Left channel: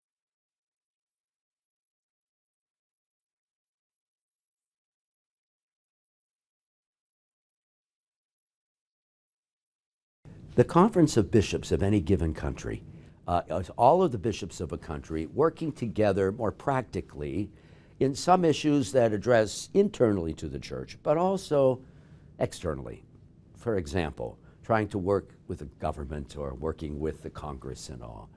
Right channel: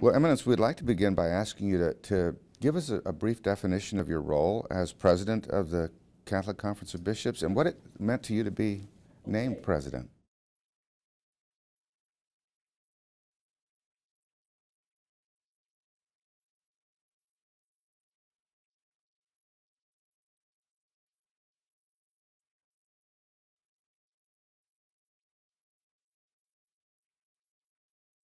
Well, Eminence, we'd like to begin by asking you to give us a brief definition of your role as president of the Catholic Conference of Bishops and what it meant to you to be named president. The Conference of Bishops of any given country is all of the bishops of a country working together more practically in some issues that address internally to the church, but also externally. For example, trying to work with the government or working with the Congress and all.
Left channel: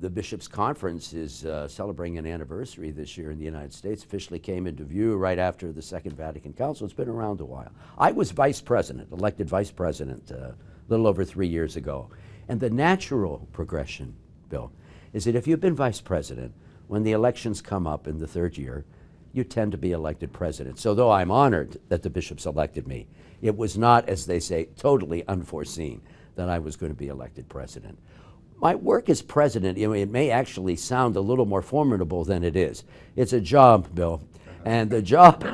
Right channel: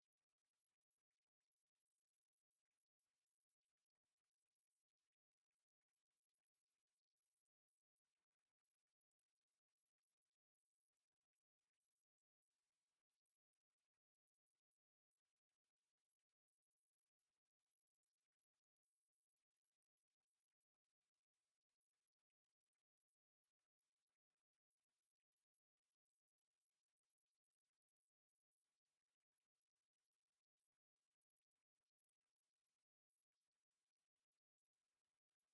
The Bishops' Conference is celebrating an anniversary this year in the United States. Officially came into view right after the Second Vatican Council. It's been around a while. I was vice president, elected vice president a little over 3 years ago. And the natural progression, Bill, is that if you've been vice president, when the elections come up in the third year, you tend to be elected president. So though I'm honored that the bishops elected me, it was not, as they say, totally unforeseen that I was going to be elected president. My work as president, it may actually sound a little more formidable than it is. It's a job, Bill, and the job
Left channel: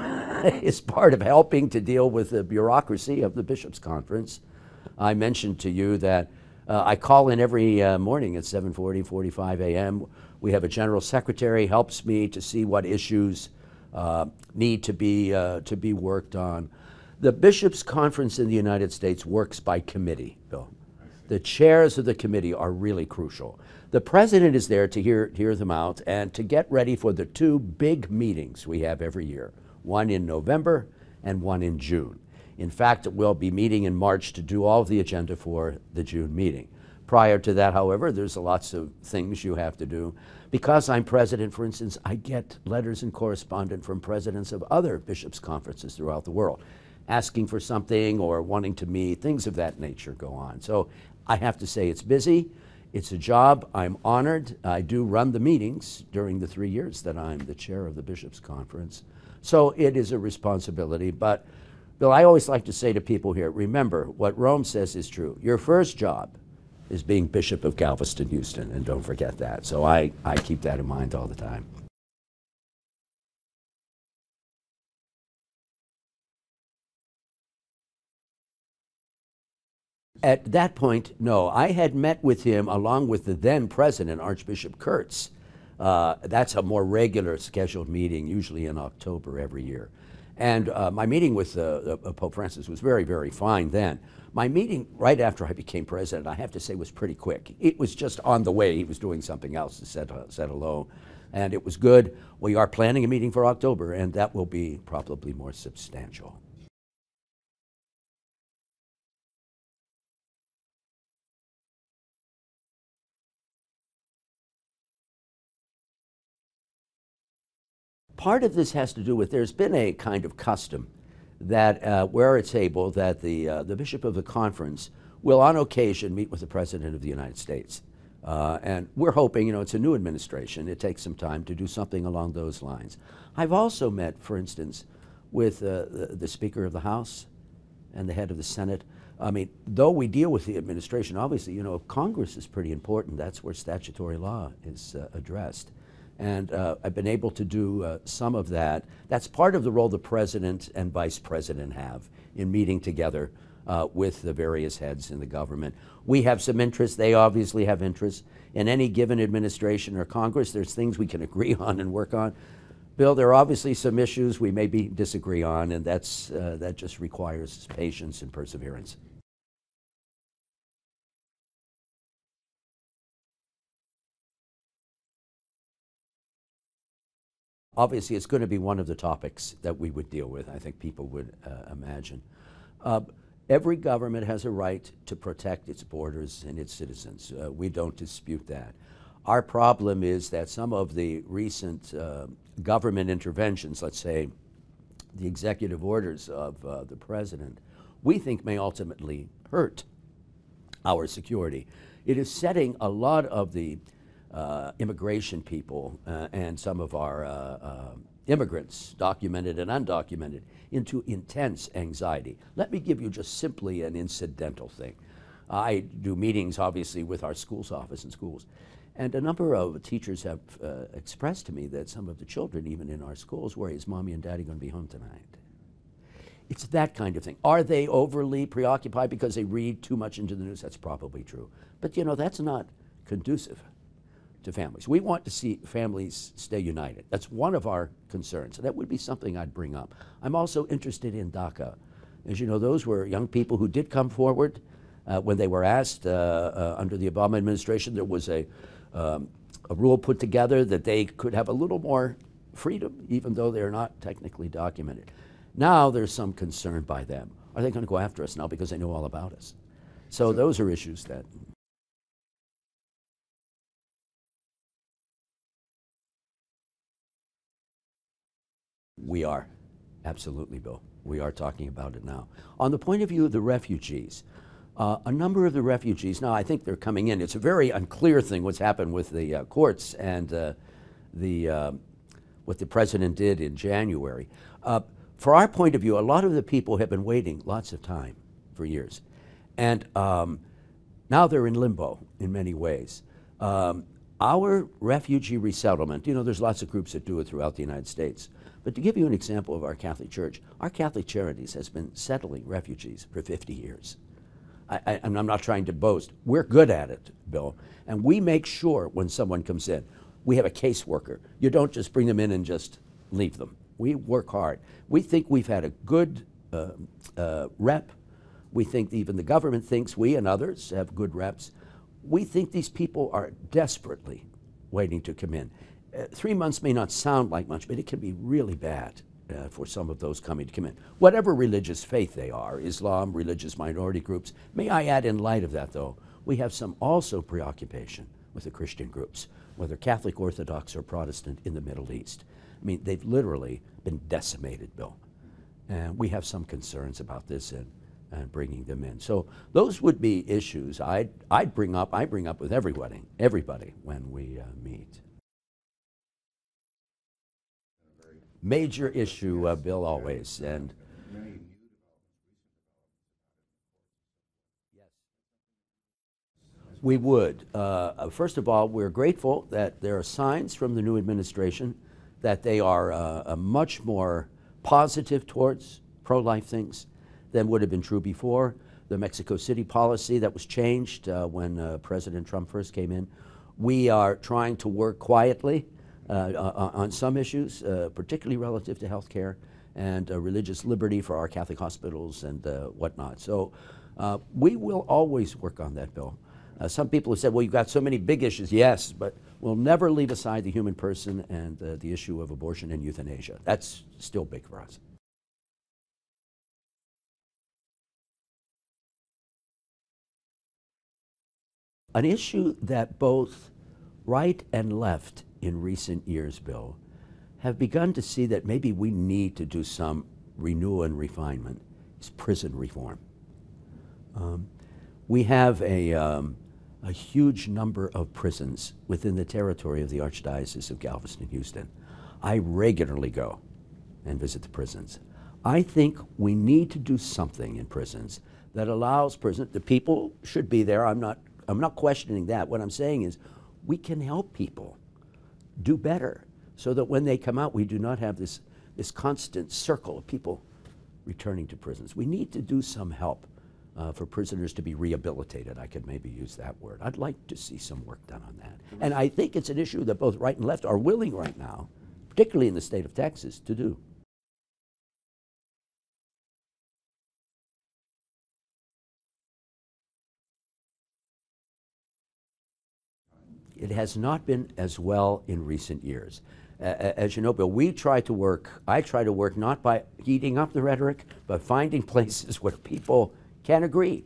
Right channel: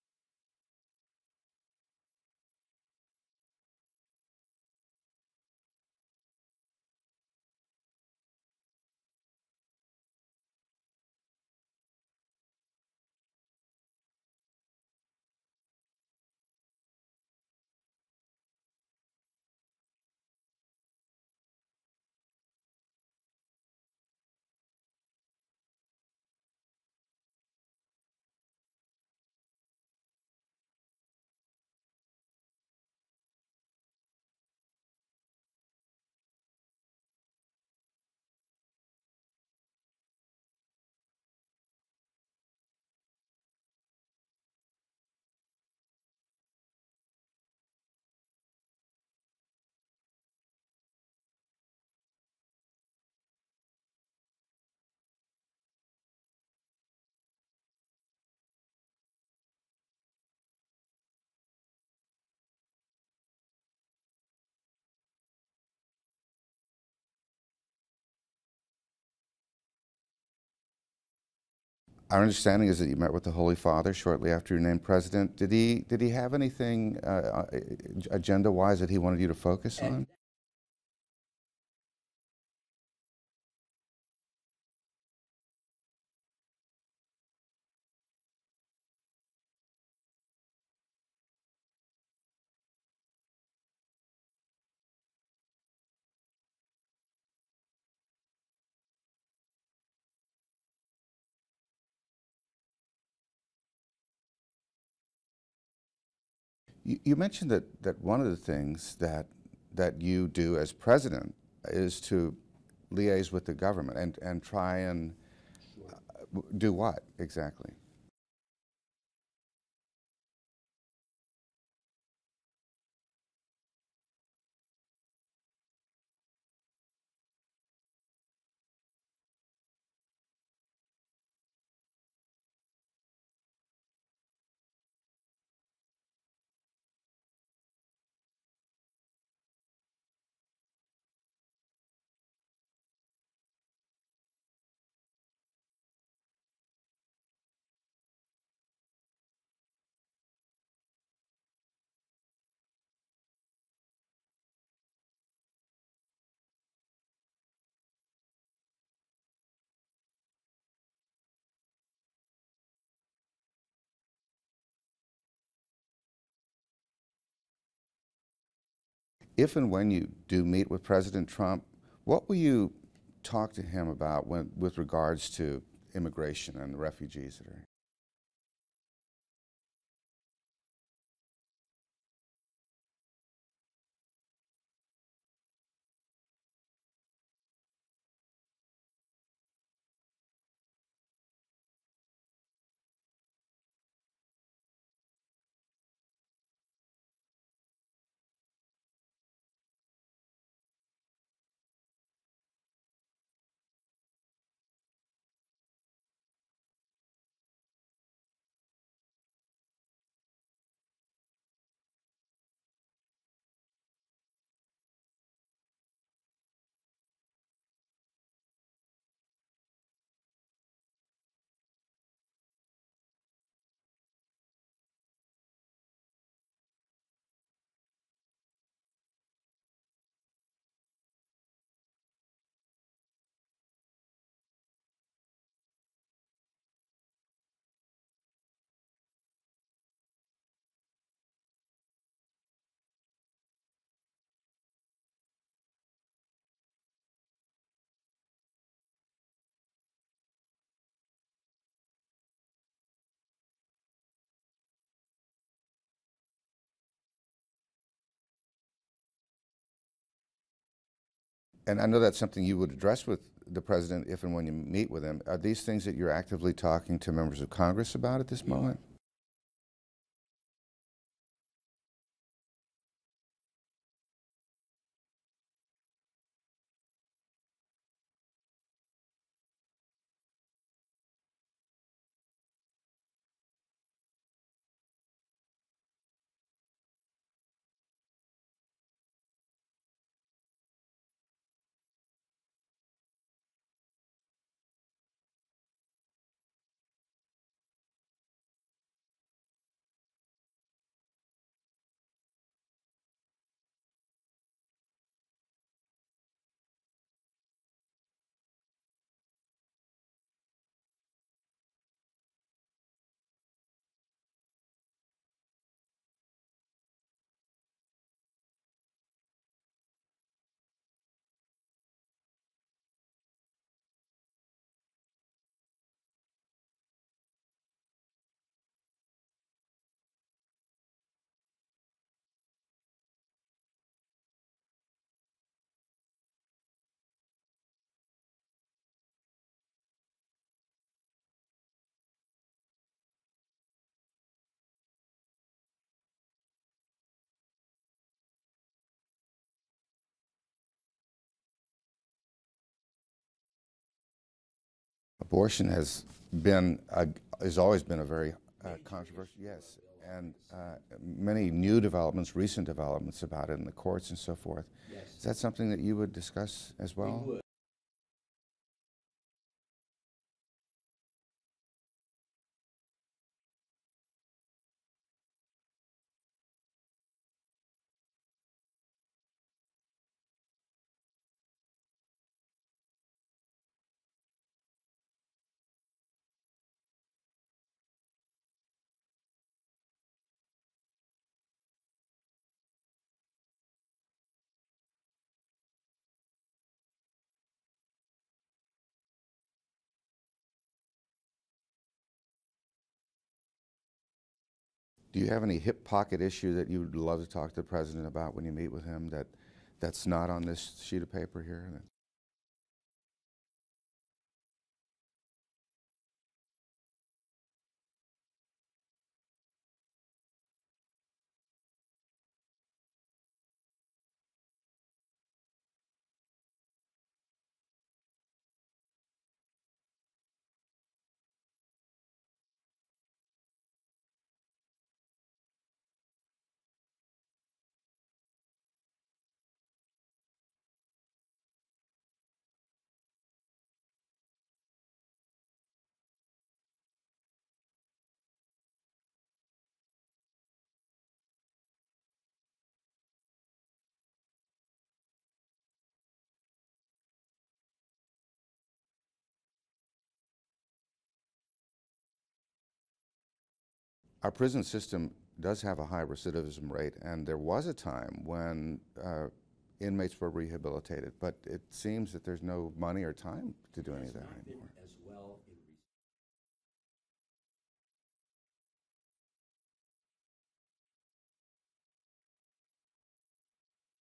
is part of helping to deal with the bureaucracy of the Bishops' Conference. I mentioned to you that I call in every morning at 7:40, 45 a.m. We have a general secretary, helps me to see what issues need to be worked on. The Bishops' Conference in the United States works by committee, Bill. The chairs of the committee are really crucial. The president is there to hear them out and to get ready for the two big meetings we have every year, one in November and one in June. In fact, we'll be meeting in March to do all of the agenda for the June meeting. Prior to that, however, there's lots of things you have to do. Because I'm president, for instance, I get letters and correspondence from presidents of other bishops' conferences throughout the world, asking for something or wanting to meet, things of that nature go on. So I have to say it's busy, it's a job, I'm honored. I do run the meetings during the 3 years that I'm the chair of the Bishops' Conference. So it is a responsibility, but Bill, I always like to say to people here, remember, what Rome says is true. Your first job is being Bishop of Galveston, Houston, and don't forget that. So I keep that in mind all the time. Our understanding is that you met with the Holy Father shortly after you were named president. Did he have anything agenda-wise that he wanted you to focus on? At that point, no. I had met with him along with the then president, Archbishop Kurtz. That's a more regular scheduled meeting, usually in October every year. And my meeting with Pope Francis was very, very fine then. My meeting right after I became president, I have to say, was pretty quick. It was just on the way. He was doing something else to said hello. And it was good. We are planning a meeting for October, and that will be probably more substantial. You mentioned that one of the things that you do as president is to liaise with the government and try and do what exactly? Part of this has to do with there's been a kind of custom that where it's able that the bishop of the conference will on occasion meet with the president of the United States. And we're hoping, it's a new administration, it takes some time to do something along those lines. I've also met, for instance, with the Speaker of the House and the head of the Senate. I mean, though we deal with the administration, obviously, Congress is pretty important. That's where statutory law is addressed. And I've been able to do some of that. That's part of the role the president and vice president have in meeting together with the various heads in the government. We have some interests. They obviously have interests. In any given administration or Congress, there's things we can agree on and work on. Bill, there are obviously some issues we maybe disagree on, and that just requires patience and perseverance. If and when you do meet with President Trump, what will you talk to him about with regards to immigration and the refugees that are? Obviously, it's going to be one of the topics that we would deal with, I think people would imagine. Every government has a right to protect its borders and its citizens. We don't dispute that. Our problem is that some of the recent government interventions, let's say the executive orders of the president, we think may ultimately hurt our security. It is setting a lot of the immigration people and some of our immigrants, documented and undocumented, into intense anxiety. Let me give you just simply an incidental thing. I do meetings, obviously, with our schools office and schools, and a number of teachers have expressed to me that some of the children, even in our schools, worry, is Mommy and Daddy going to be home tonight? It's that kind of thing. Are they overly preoccupied because they read too much into the news? That's probably true. But that's not conducive to families. We want to see families stay united. That's one of our concerns. That would be something I'd bring up. I'm also interested in DACA. As you know, those were young people who did come forward when they were asked under the Obama administration. There was a rule put together that they could have a little more freedom, even though they're not technically documented. Now there's some concern by them. Are they going to go after us now because they know all about us? So those are issues that... And I know that's something you would address with the president if and when you meet with him. Are these things that you're actively talking to members of Congress about at this moment? We are. Absolutely, Bill. We are talking about it now. On the point of view of the refugees, a number of the refugees, now I think they're coming in. It's a very unclear thing what's happened with the courts and what the president did in January. For our point of view, a lot of the people have been waiting lots of time for years. And now they're in limbo in many ways. Our refugee resettlement, you know, there's lots of groups that do it throughout the United States. But to give you an example of our Catholic Church, our Catholic Charities has been settling refugees for 50 years. And I'm not trying to boast. We're good at it, Bill. And we make sure when someone comes in, we have a caseworker. You don't just bring them in and just leave them. We work hard. We think we've had a good rep. We think even the government thinks we and others have good reps. We think these people are desperately waiting to come in. 3 months may not sound like much, but it can be really bad for some of those coming to come in. Whatever religious faith they are, Islam, religious minority groups. May I add, in light of that, though, we have some also preoccupation with the Christian groups, whether Catholic, Orthodox, or Protestant in the Middle East. I mean, they've literally been decimated, Bill. And we have some concerns about this and bringing them in. So those would be issues I bring up with everybody when we meet. Abortion has always been a very major issue, Bill, always. And many new developments, recent developments about it in the courts and so forth. Yes. Is that something that you would discuss as we well? would. First of all, we're grateful that there are signs from the new administration that they are much more positive towards pro-life things than would have been true before. The Mexico City policy that was changed when President Trump first came in. We are trying to work quietly on some issues, particularly relative to health care and religious liberty for our Catholic hospitals and whatnot. So we will always work on that, Bill. Some people have said, well, you've got so many big issues. Yes, but we'll never leave aside the human person and the issue of abortion and euthanasia. That's still big for us. Do you have any hip pocket issue that you would love to talk to the president about when you meet with him that's not on this sheet of paper here? An issue that both right and left in recent years, Bill, have begun to see that maybe we need to do some renewal and refinement is prison reform. We have a huge number of prisons within the territory of the Archdiocese of Galveston and Houston. I regularly go and visit the prisons. I think we need to do something in prisons that allows the people should be there. I'm not questioning that. What I'm saying is we can help people do better so that when they come out, we do not have this constant circle of people returning to prisons. We need to do some help for prisoners to be rehabilitated. I could maybe use that word. I'd like to see some work done on that. And I think it's an issue that both right and left are willing right now, particularly in the state of Texas, to do. Our prison system does have a high recidivism rate, and there was a time when inmates were rehabilitated, but it seems that there's no money or time. It has not been as well in recent years. As you know, Bill, I try to work not by heating up the rhetoric, but finding places where people can agree.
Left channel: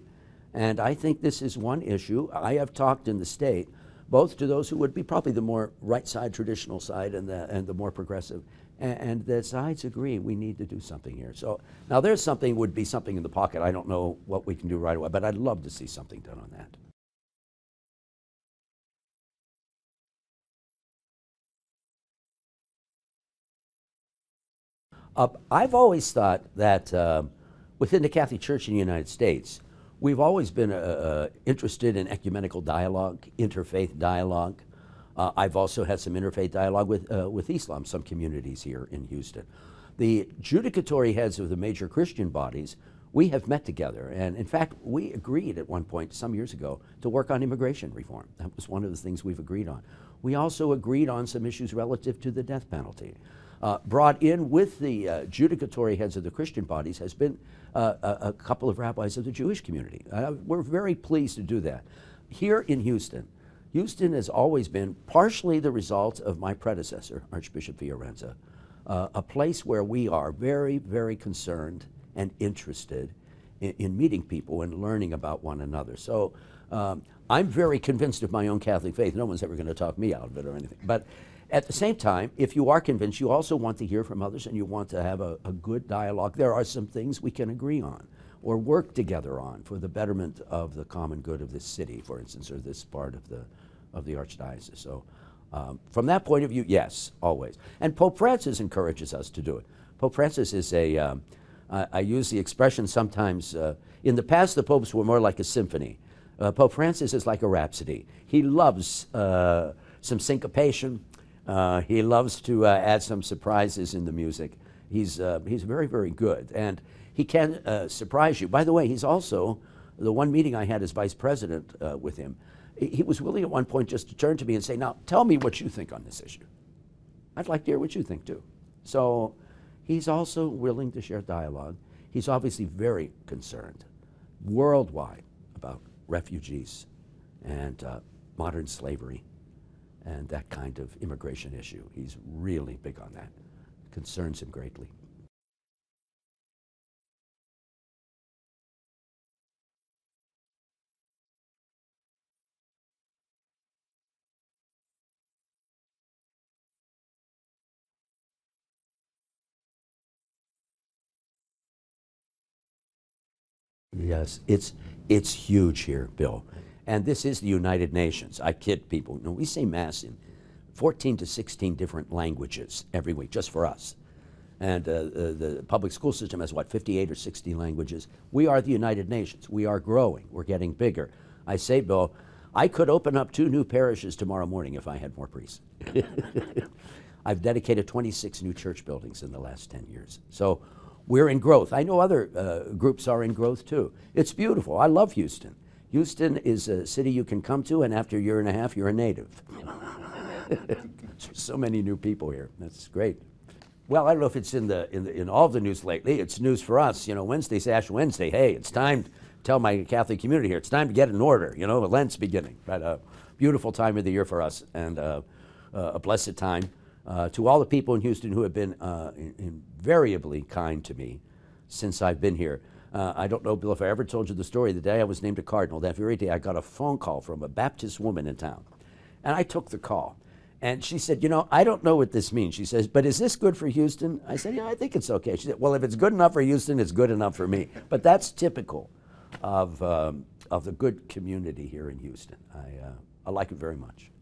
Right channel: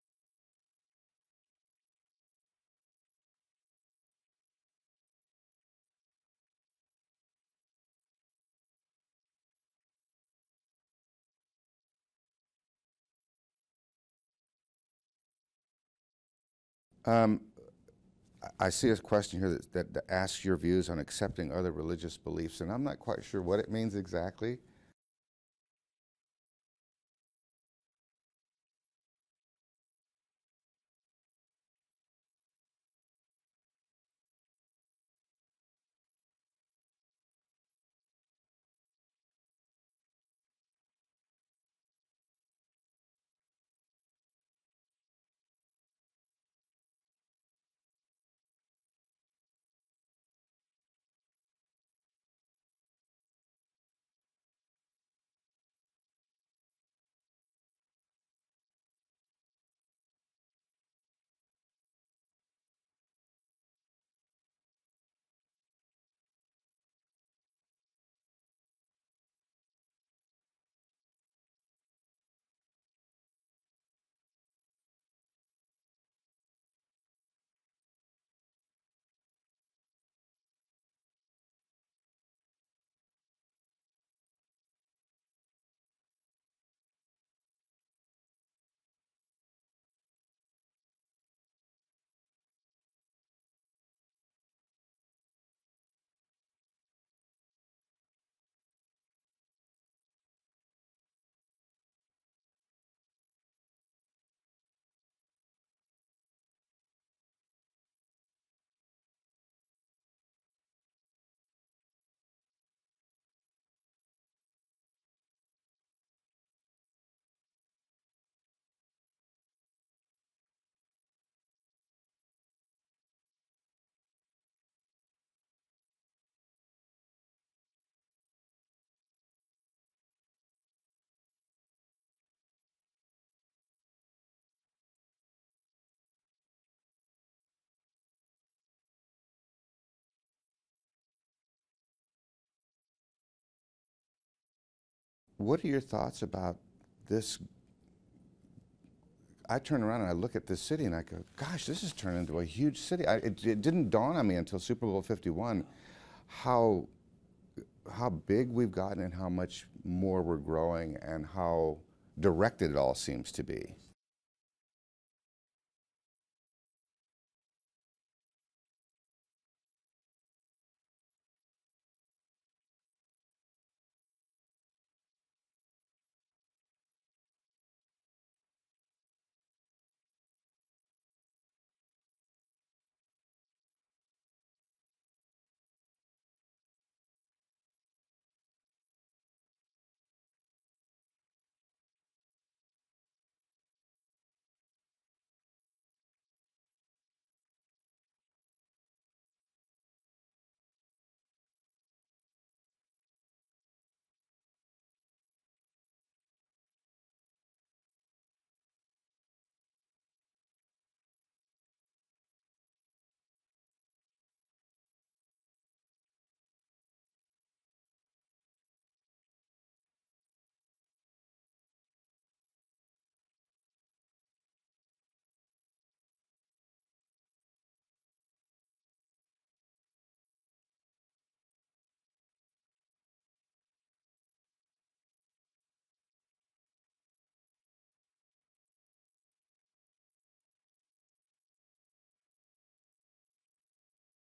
And I think this is one issue. I have talked in the state, both to those who would be probably the more right side, traditional side, and the more progressive, and the sides agree we need to do something here. So now would be something in the pocket. I don't know what we can do right away, but I'd love to see something done on that. I see a question here that asks your views on accepting other religious beliefs, and I'm not quite sure what it means exactly. I've always thought that within the Catholic Church in the United States, we've always been interested in ecumenical dialogue, interfaith dialogue. I've also had some interfaith dialogue with Islam, some communities here in Houston. The judicatory heads of the major Christian bodies we have met together. And in fact, we agreed at one point some years ago to work on immigration reform. That was one of the things we've agreed on. We also agreed on some issues relative to the death penalty. Brought in with the judicatory heads of the Christian bodies has been a couple of rabbis of the Jewish community. We're very pleased to do that. Here in Houston, Houston has always been partially the result of my predecessor, Archbishop Fiorenza, a place where we are very, very concerned and interested in meeting people and learning about one another. So I'm very convinced of my own Catholic faith. No one's ever going to talk me out of it or anything. But at the same time, if you are convinced, you also want to hear from others and you want to have a good dialogue. There are some things we can agree on or work together on for the betterment of the common good of this city, for instance, or this part of the Archdiocese. So from that point of view, yes, always. And Pope Francis encourages us to do it. Pope Francis is I use the expression sometimes, in the past the popes were more like a symphony. Pope Francis is like a rhapsody. He loves some syncopation. He loves to add some surprises in the music. He's very, very good, and he can surprise you. By the way, he's also, the one meeting I had as vice president with him, he was willing at one point just to turn to me and say, now, tell me what you think on this issue. I'd like to hear what you think, too. So he's also willing to share dialogue. He's obviously very concerned worldwide about refugees and modern slavery and that kind of immigration issue. He's really big on that. Concerns him greatly. What are your thoughts about this? I turn around and I look at this city and I go, gosh, this has turned into a huge city. It didn't dawn on me until Super Bowl 51 how big we've gotten and how much more we're growing and how directed it all seems to be. Yes, it's huge here, Bill. And this is the United Nations. I kid people. You know, we say Mass in 14 to 16 different languages every week, just for us. And the public school system has, what, 58 or 60 languages? We are the United Nations. We are growing. We're getting bigger. I say, Bill, I could open up 2 new parishes tomorrow morning if I had more priests. I've dedicated 26 new church buildings in the last 10 years. So we're in growth. I know other groups are in growth, too. It's beautiful. I love Houston. Houston is a city you can come to, and after a year and a half, you're a native. There's so many new people here. That's great. Well, I don't know if it's in all the news lately. It's news for us. You know, Wednesday's Ash Wednesday. Hey, it's time to tell my Catholic community here. It's time to get in order. You know, Lent's beginning. But a beautiful time of the year for us, and a blessed time. To all the people in Houston who have been invariably kind to me since I've been here. I don't know, Bill, if I ever told you the story. The day I was named a cardinal, that very day I got a phone call from a Baptist woman in town. And I took the call. And she said, you know, I don't know what this means. She says, but is this good for Houston? I said, yeah, I think it's okay. She said, well, if it's good enough for Houston, it's good enough for me. But that's typical of the good community here in Houston. I like it very much.